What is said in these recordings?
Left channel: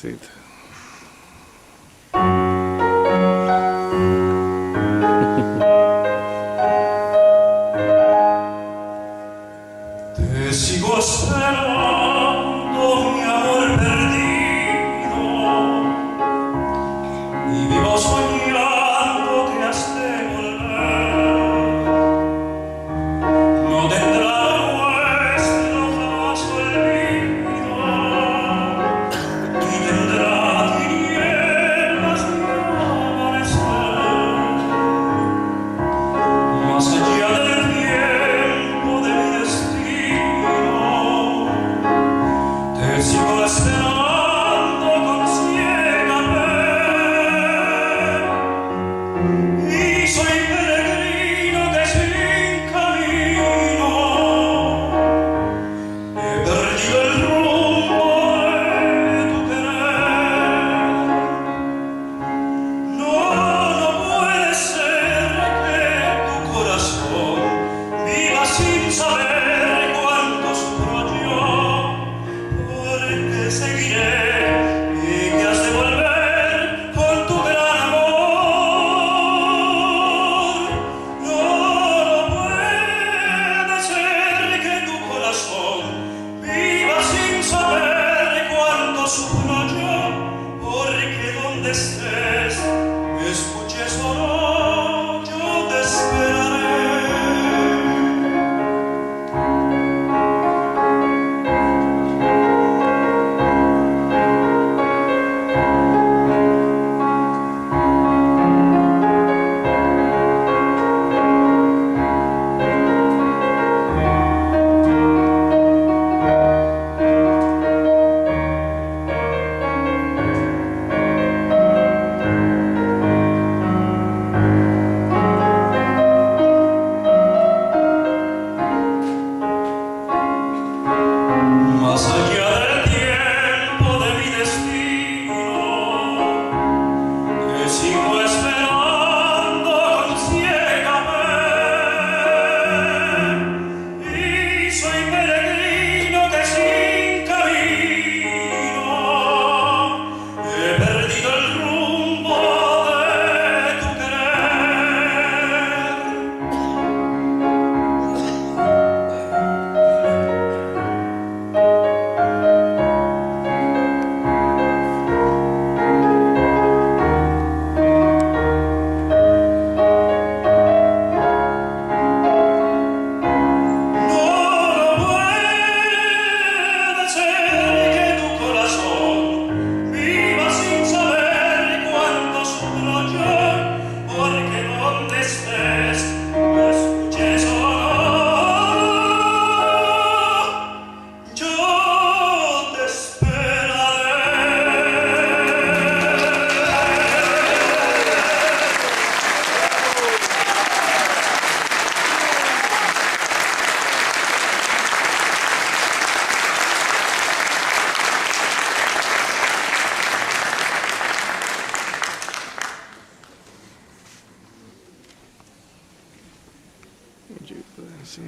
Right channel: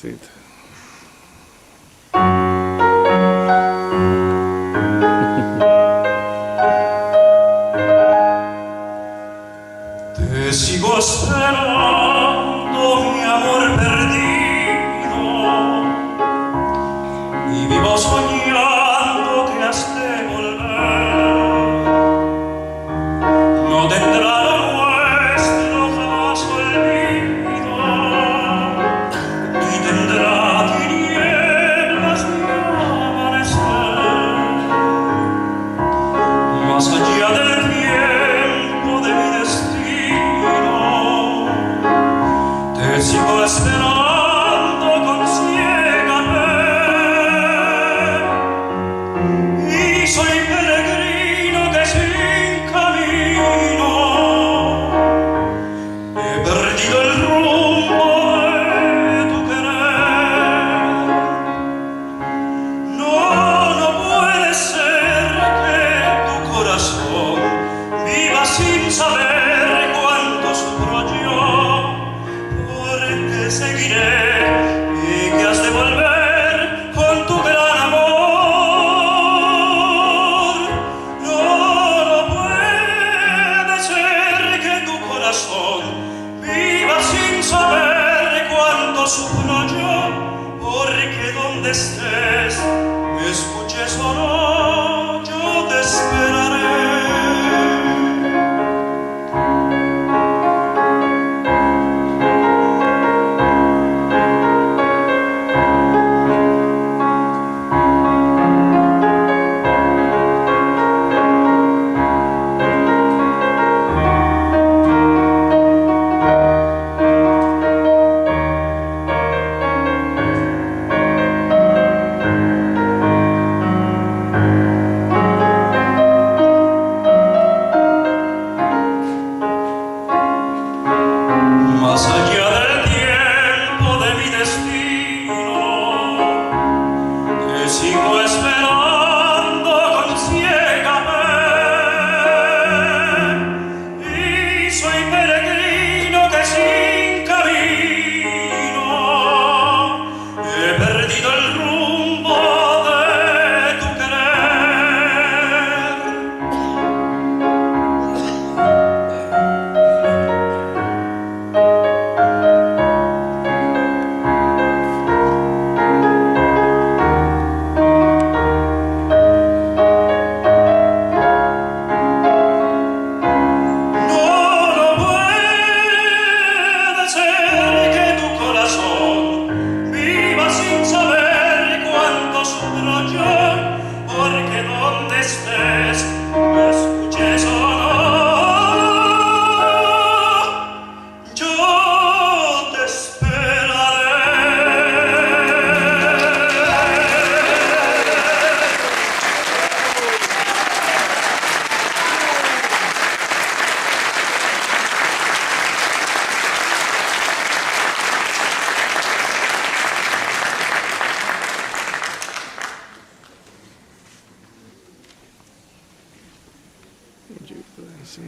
cosita. Te sigo esperando, mi amor perdido, y vivo soñando que has de volver. No tendrá lo nuestro jamás olvido, ni tendrá tinieblas ni amanecer. Más allá del tiempo de mi destino, te sigo esperando con ciega fe, y soy peregrino que sin camino he perdido el rumbo de tu querer. No, no puede ser que tu corazón viva sin saber cuánto sufro yo, porque seguiré y que has de volver con tu gran amor. No, no puede ser que tu corazón viva sin saber cuánto sufro yo, porque donde estés me escuches o no, yo te esperaré. Más allá del tiempo de mi destino, te sigo esperando con ciega fe, y soy peregrino que sin camino he perdido el rumbo de tu querer. No, no puede ser que tu corazón viva sin saber cuánto sufro yo, porque donde estés me escuches o no, yo te esperaré. Sí.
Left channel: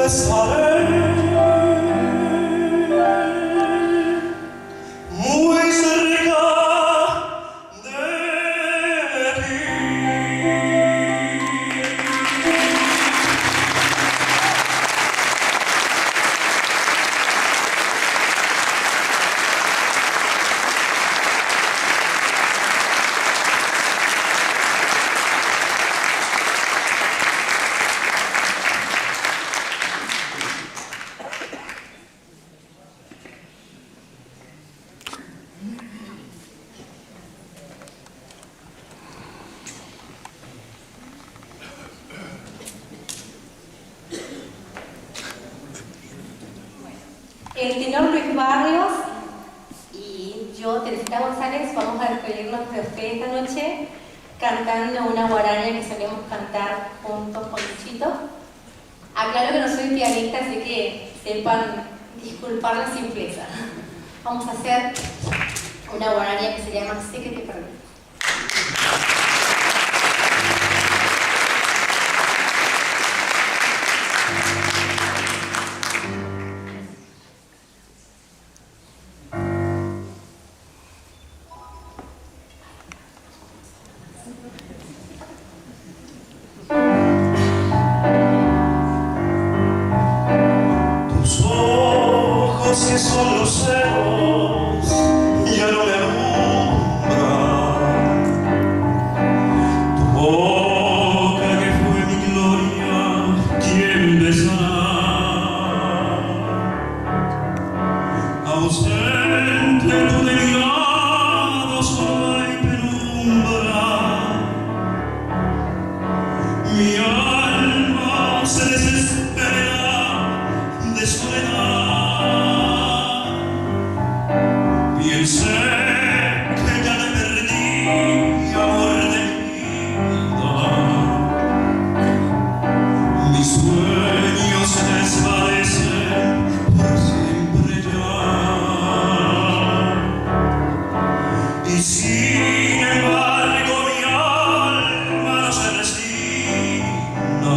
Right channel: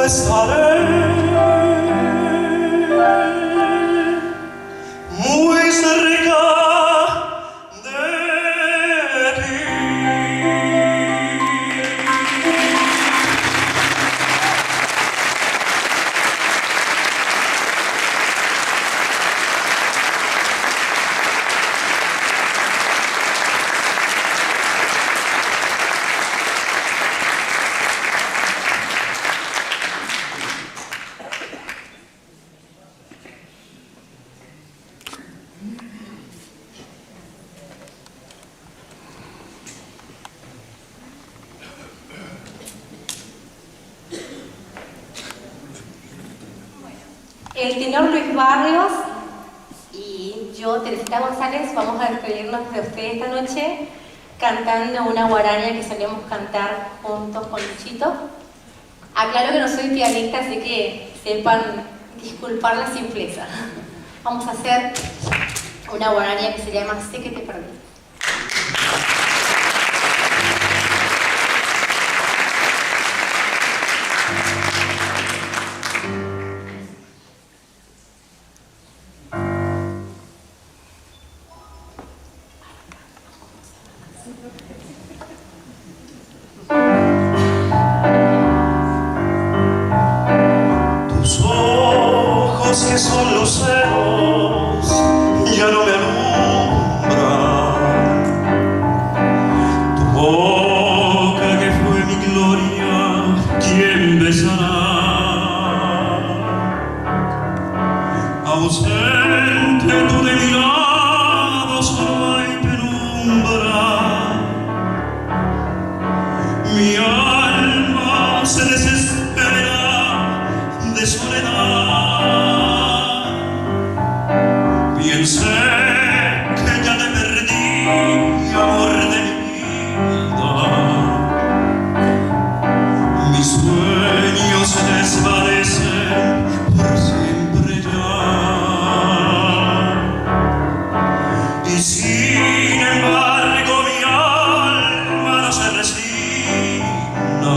contigo estaré, muy cerca de ti. El tenor Luis Barrios y yo, Teresita González, vamos a despedirnos de ustedes esta noche cantando una guaraña que solemos cantar juntos con Luchito. Aclaro que no soy pianista, así que sepan disculpar la simpleza. Vamos a hacer una guaraña que se llama Sé que te perdí. Tus ojos que son luceros ya no me alumbran. Tu boca que fue mi gloria, ¿quién besará? Ausente tú de mi lado, solo hay penumbra. Mi alma se desespera de soledad. Bien sé que ya te perdí, amor de mi vida. Mis sueños se desvanecen por siempre ya. Y sin embargo mi alma no se resigna.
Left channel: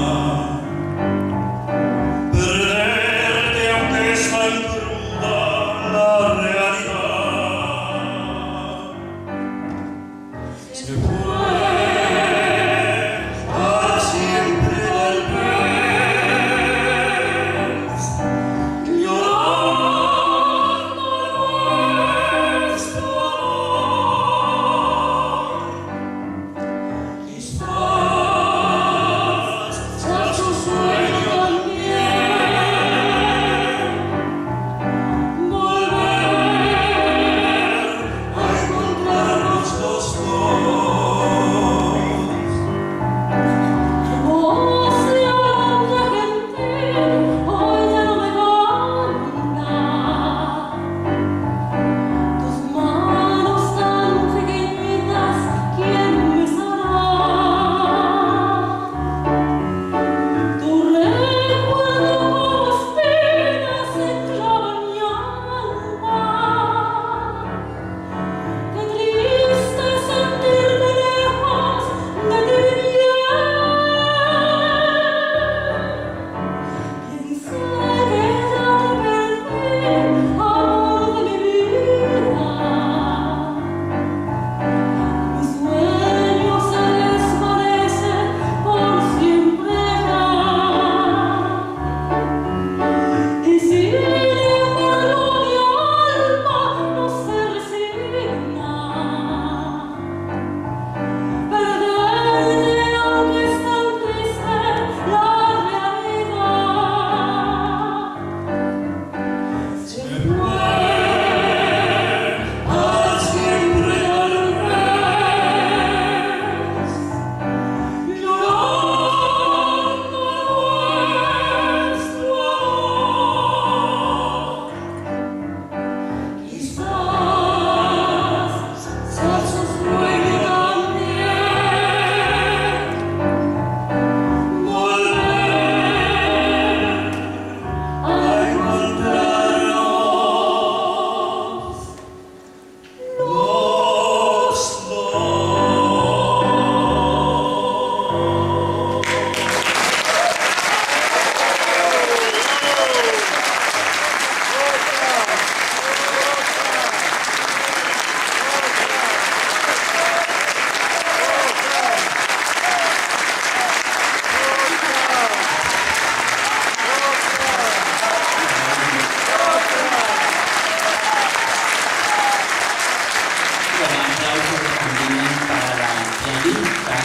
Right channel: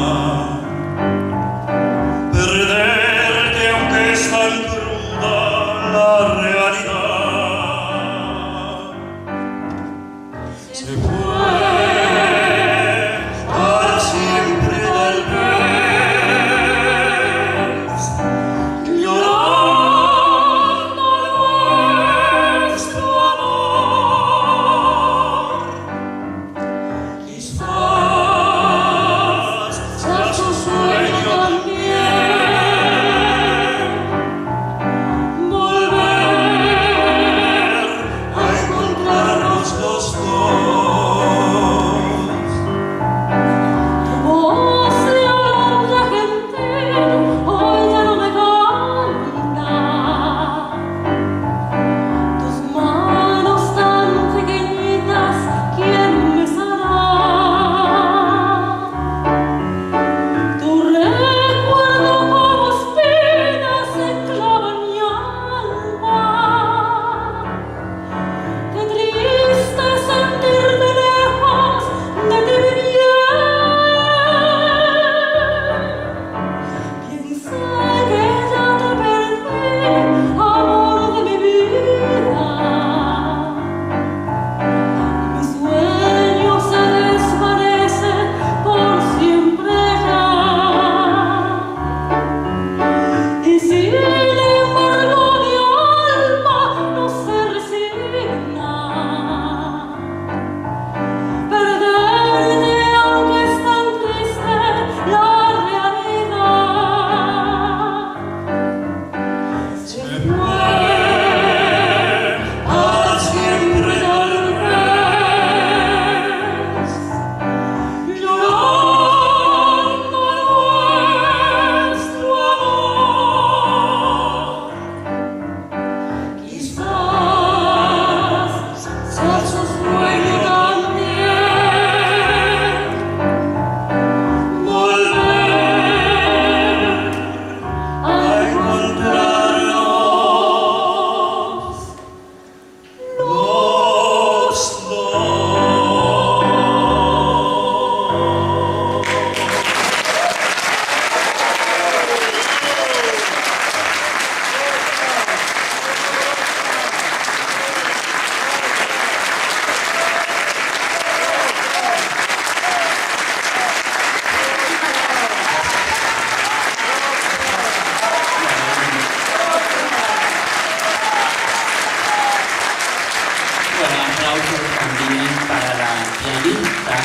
con aplausos también para la pianista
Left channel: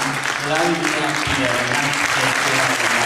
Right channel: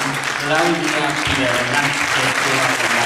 Claudia Piedra, que estuvo